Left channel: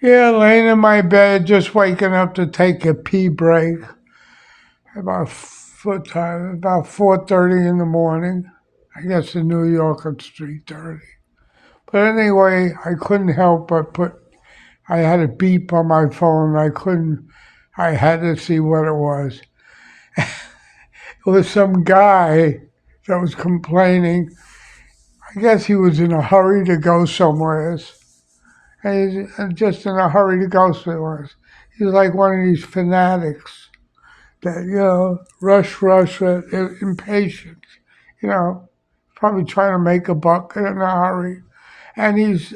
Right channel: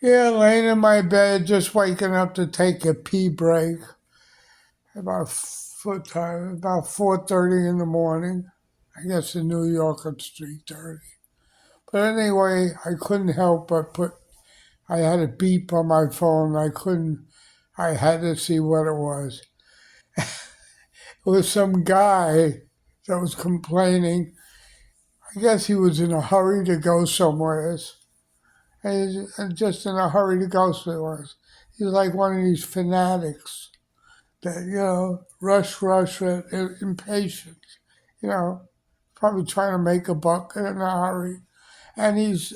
Yeah, laying in my bed, just waking up to take a pee break. About foot time, about 4:30 in the morning. I guess in New York it's 3:30. But anyway, I couldn't help but put. I had a beep on my phone. I couldn't. I had to see what it was. It was some guy that was complaining. I guess he was in a hurry to go somewhere. And he's just in a hurry to go somewhere. He's like one of these fanatics that, rush, rush, impatient, you know, probably trying to make a buck in a hurry. And he's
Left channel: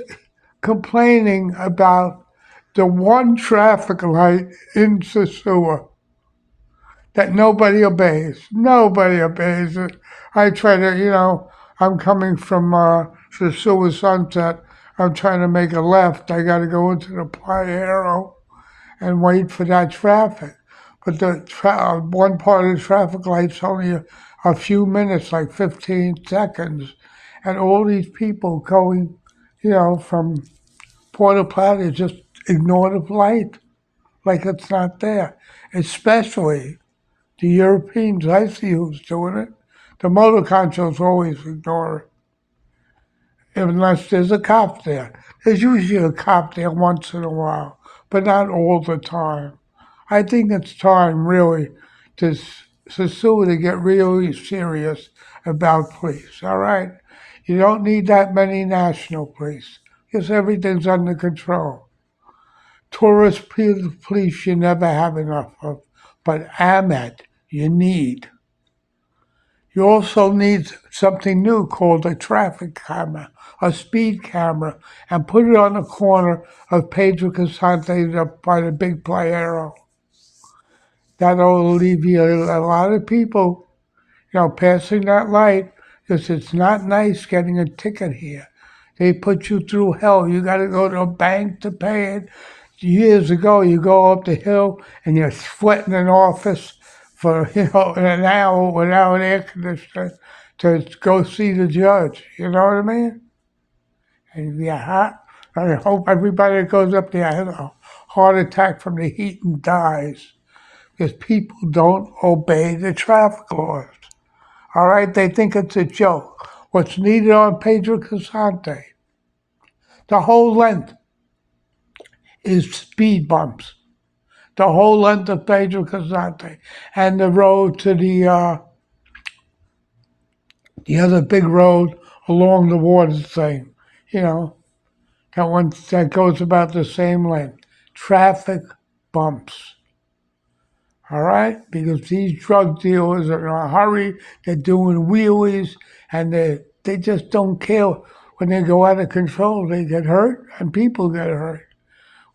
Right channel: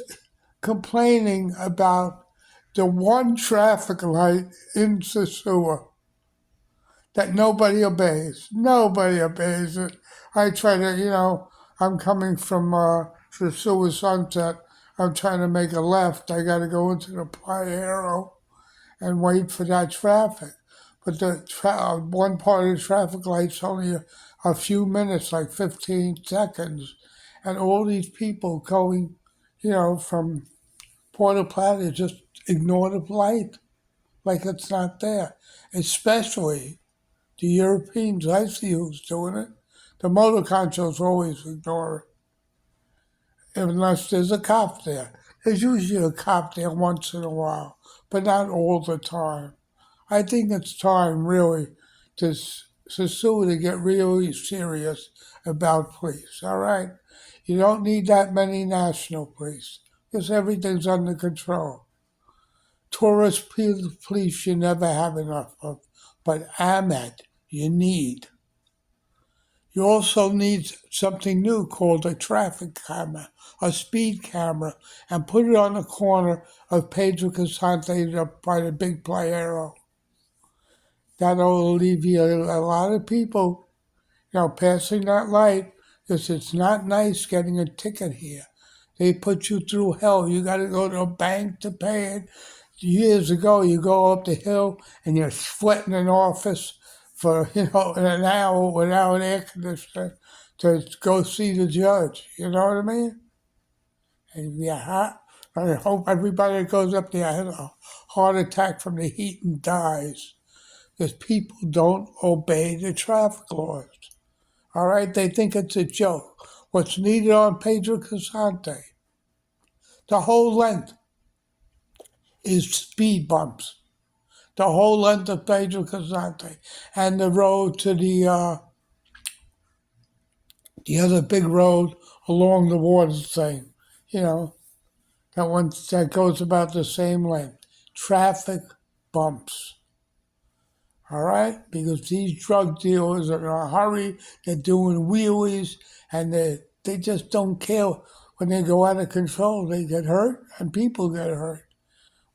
complaining about the one traffic light in Sosua that nobody obeys. Nobody obeys it. I try to, I'm coming from Sosua Sunset. I'm trying to make a left. I got to go into the Playa and wait for that traffic. But one part of the traffic light's only a few minutes, like 15 seconds. And all these people going, from Puerto Plata just ignore the light like it's not there. Especially the Europeans, I see who's doing it. The motor controls always ignore it, unless there's a cop there. There's usually a cop there once in a while, but not all the time. I think it's time, really, to Sosua to get really serious about police, all right? You don't need that many national police because everything's under control. Tourist police you never have enough of, but Ahmed, you need. You also need something new called a traffic camera, a speed camera, and put it on the corner of Pedro Casante up by the big Playero. That'll alleviate a lot of people, passing that light, because it's not nice getting a ticket here. They put you through hell. You got to go to a bank to pay it. Years ago, you go up the hill and you're sweating in office for, an hour without air conditioning to go see the judge. You know what I mean? And you're hot. I hope everybody that goes up there has a heart attack from the heat and dies because people don't obey the traffic laws. All right, they think it's a joke. What's needed on Pedro Casante, the whole length is speed bumps. The whole length of Pedro Casante and the road to the other big road along the water thing. You know, that one that goes about the same length. Traffic bumps. All right? Because these drug dealers are in a hurry, they're doing wheelies, and they just don't care when they go out of control. They get hurt, and people get hurt.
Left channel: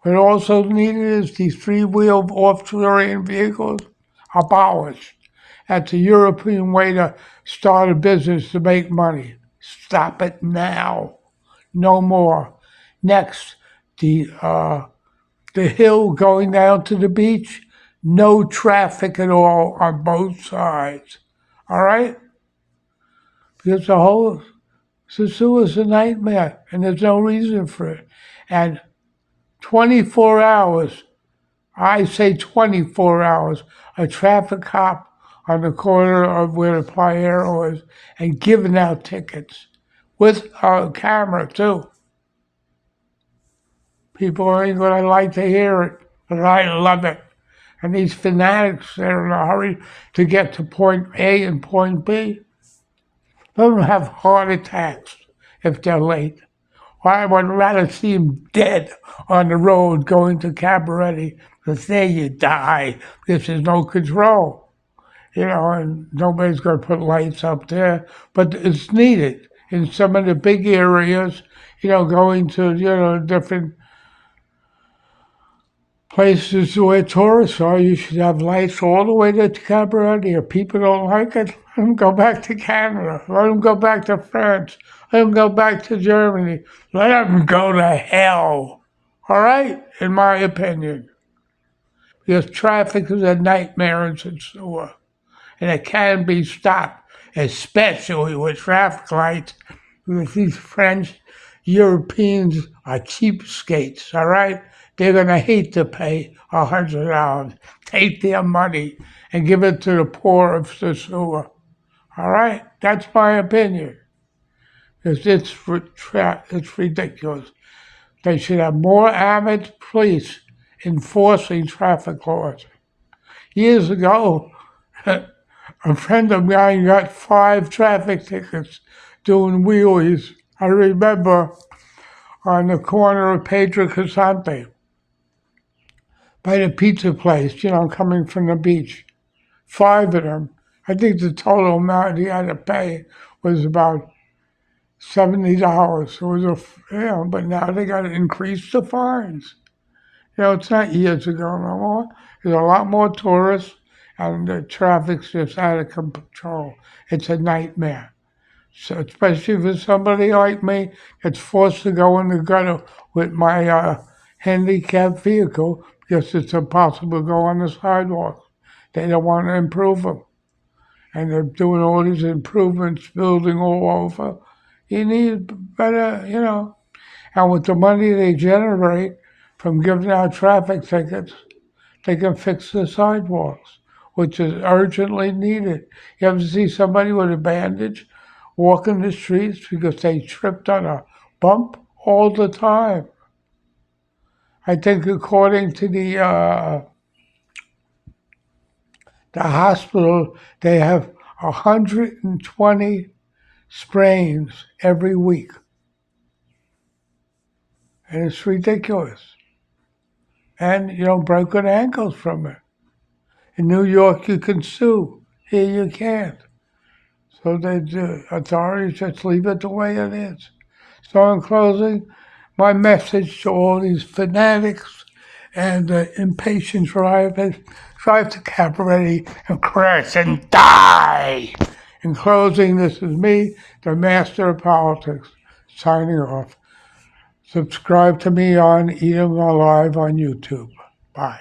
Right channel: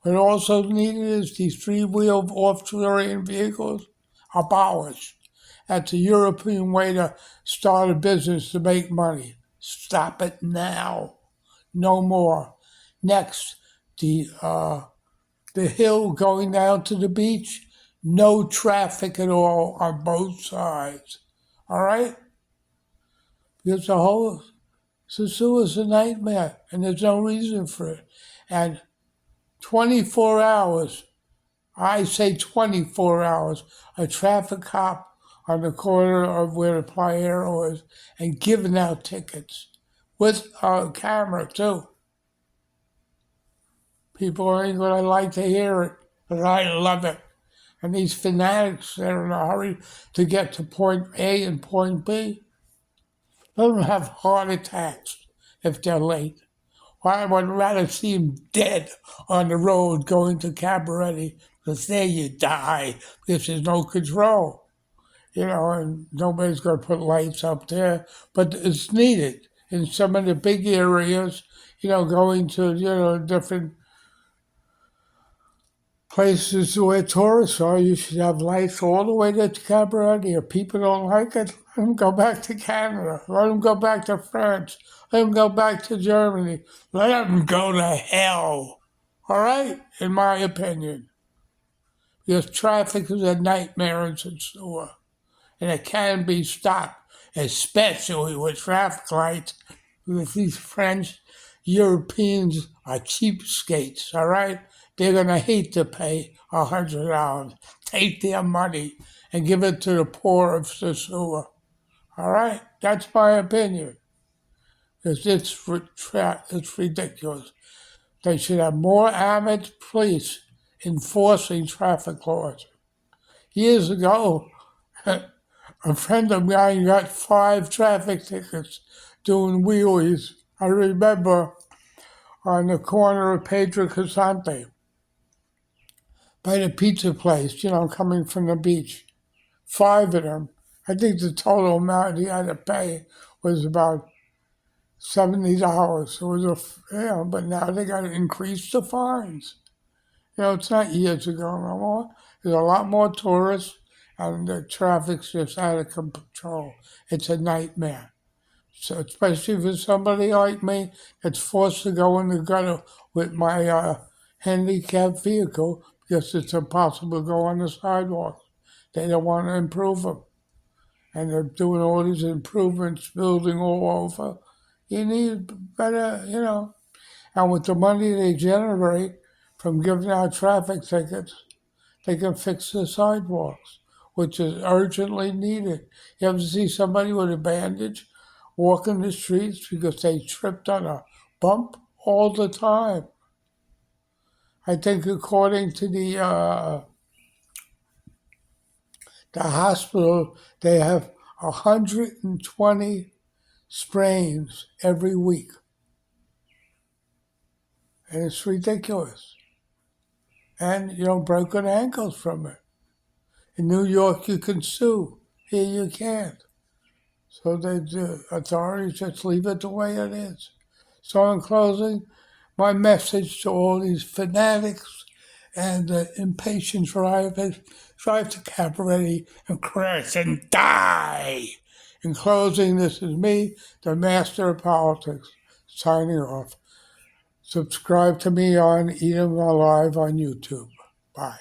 What also needed is these three-wheel off-terrain vehicles abolished. That's a European way to start a business to make money. Stop it now. No more. Next, the hill going down to the beach, no traffic at all on both sides. All right? Because the whole Sosua is a nightmare, and there's no reason for it. And 24 hours, I say 24 hours, a traffic cop on the corner of where the Playero is and giving out tickets with a camera too. People ain't gonna like to hear it, but I love it. And these fanatics, they're in a hurry to get to point A and point B. They don't have heart attacks if they're late. I would rather see them dead on the road going to Cabaretti because there you die because there's no control. And nobody's going to put lights up there, but it's needed in some of the big areas, going to, different places where tourists are. You should have lights all the way to Cabaret. If people don't like it, let them go back to Canada. Let them go back to France. Let them go back to Germany. Let them go to hell. All right? In my opinion. Because traffic is a nightmare in Sosua. And it can be stopped, especially with traffic lights. Because these French Europeans are cheapskates, all right? they're going to hate to pay $100. Take their money and give it to the poor of Sosua. All right? That's my opinion. Because it's ridiculous. They should have more armed police enforcing traffic laws. Years ago, a friend of mine got 5 traffic tickets doing wheelies. I remember on the corner of Pedro Casante by the pizza place, coming from the beach. 5 of them. I think the total amount he had to pay was about $70. It was but now they got to increase the fines. It's not years ago no more. There's a lot more tourists, and the traffic's just out of control. It's a nightmare. So especially for somebody like me that's forced to go in the gutter with my handicapped vehicle because it's impossible to go on the sidewalk. They don't want to improve them. And they're doing all these improvements, building all over. You need better, And with the money they generate from giving out traffic tickets, they can fix the sidewalks, which is urgently needed. You ever see somebody with a bandage walking the streets because they tripped on a bump all the time? I think according to the hospital, they have 120 sprains every week. And it's ridiculous. And, broken ankles from it. In New York, you can sue. Here, you can't. So the authorities just leave it the way it is. So in closing, my message to all these fanatics and impatient drivers, drive to Cabaret and crash and die. In closing, this is me, the master of politics, signing off. Subscribe to me on Eating Alive on YouTube. Bye.